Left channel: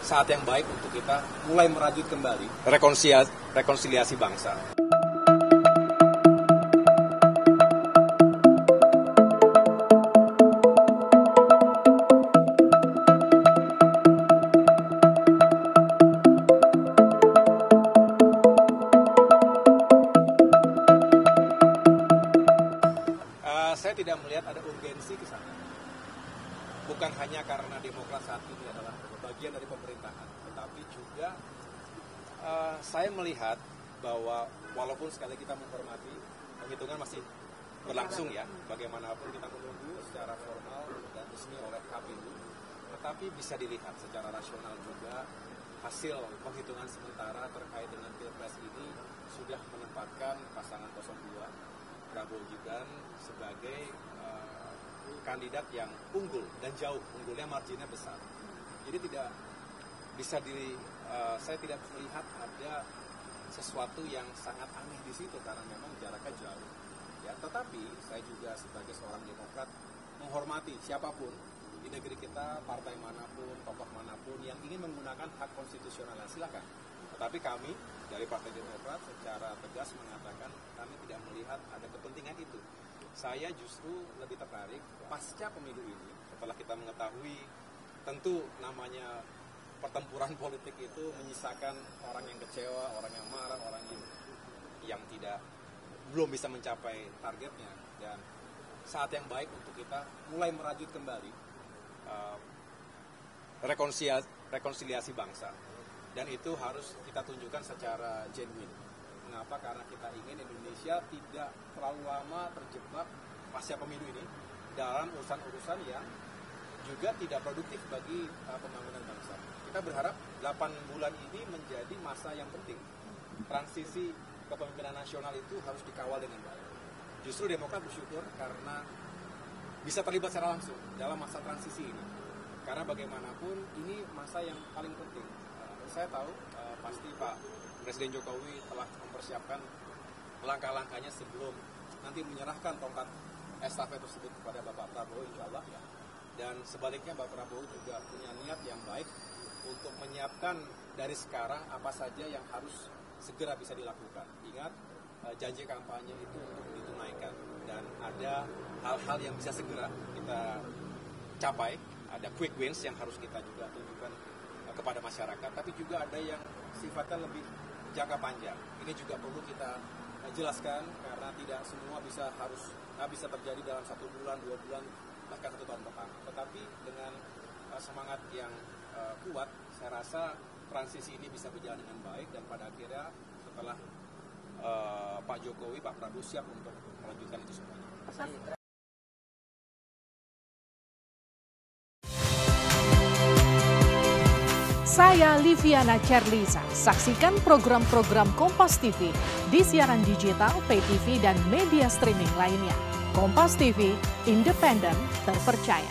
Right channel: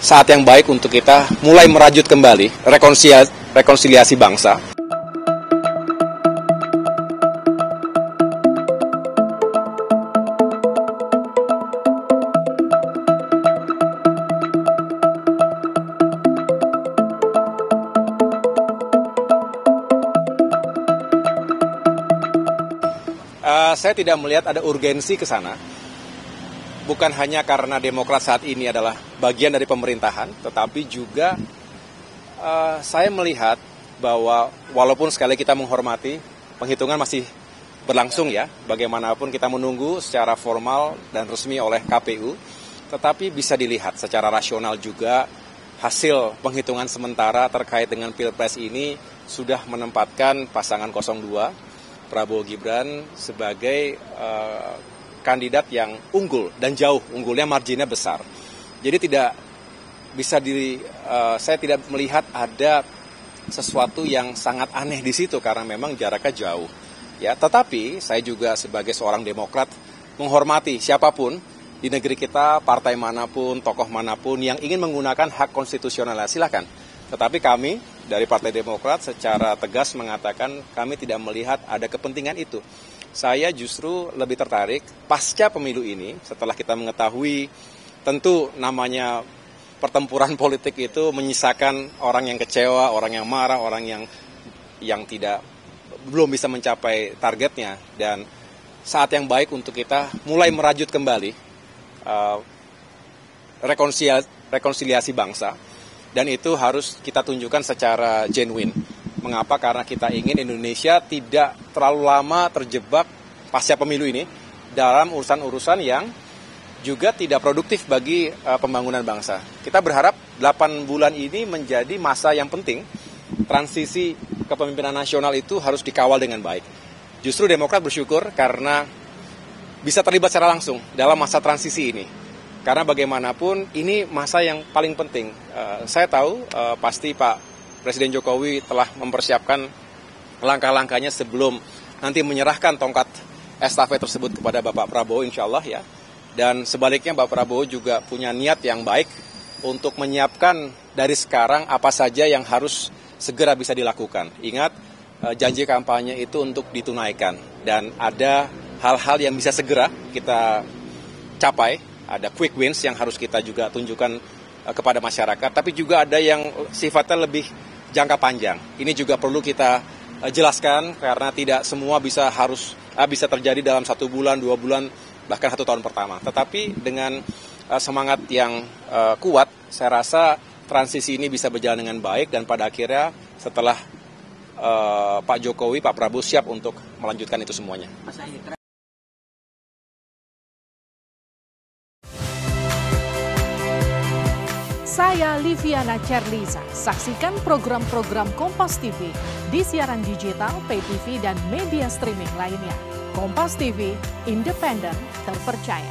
saat yang baik untuk kita mulai merajut kembali rekonsiliasi bangsa. Saya tidak melihat ada urgensi ke sana. Bukan hanya karena Demokrat saat ini adalah bagian dari pemerintahan, tetapi juga saya melihat bahwa walaupun sekali kita menghormati, penghitungan masih berlangsung ya, bagaimanapun kita menunggu secara formal dan resmi oleh KPU, tetapi bisa dilihat secara rasional juga hasil penghitungan sementara terkait dengan Pilpres ini sudah menempatkan pasangan 02, Prabowo Gibran sebagai kandidat yang unggul dan jauh, unggulnya marginnya besar. Jadi saya tidak melihat ada sesuatu yang sangat aneh di situ karena memang jaraknya jauh. Ya, tetapi saya juga sebagai seorang Demokrat menghormati siapapun di negeri kita, partai manapun, tokoh manapun yang ingin menggunakan hak konstitusional, silakan. Tetapi kami dari Partai Demokrat secara tegas mengatakan kami tidak melihat ada kepentingan itu. Saya justru lebih tertarik pasca pemilu ini, setelah kita mengetahui tentu namanya pertempuran politik itu menyisakan orang yang kecewa, orang yang marah, orang yang belum bisa mencapai targetnya. Dan saat yang baik untuk kita mulai merajut kembali rekonsiliasi bangsa. Dan itu harus kita tunjukkan secara genuine. Mengapa? Karena kita ingin Indonesia tidak terlalu lama terjebak pasca pemilu ini dalam urusan-urusan yang juga tidak produktif bagi pembangunan bangsa. Kita berharap 8 bulan ini menjadi masa yang penting. Transisi kepemimpinan nasional itu harus dikawal dengan baik. Justru Demokrat bersyukur karena bisa terlibat secara langsung dalam masa transisi ini. Karena bagaimanapun ini masa yang paling penting. Saya tahu pasti Pak Presiden Jokowi telah mempersiapkan langkah-langkahnya sebelum nanti menyerahkan tongkat estafet tersebut kepada Bapak Prabowo insya Allah ya. Dan sebaliknya Bapak Prabowo juga punya niat yang baik untuk menyiapkan dari sekarang apa saja yang harus segera bisa dilakukan. Ingat, janji kampanye itu untuk ditunaikan. Dan ada hal-hal yang bisa segera kita capai. Ada quick wins yang harus kita juga tunjukkan kepada masyarakat, tapi juga ada yang sifatnya lebih jangka panjang. Ini juga perlu kita jelaskan karena tidak semua bisa terjadi dalam 1 bulan, 2 bulan, bahkan 1 tahun pertama. Tetapi dengan semangat yang kuat, saya rasa transisi ini bisa berjalan dengan baik dan pada akhirnya setelah Pak Jokowi, Pak Prabowo siap untuk melanjutkan itu semuanya. Saya Liviana Cerlisa. Saksikan program-program Kompas TV di siaran digital, pay TV, dan media streaming lainnya. Kompas TV, independen, terpercaya.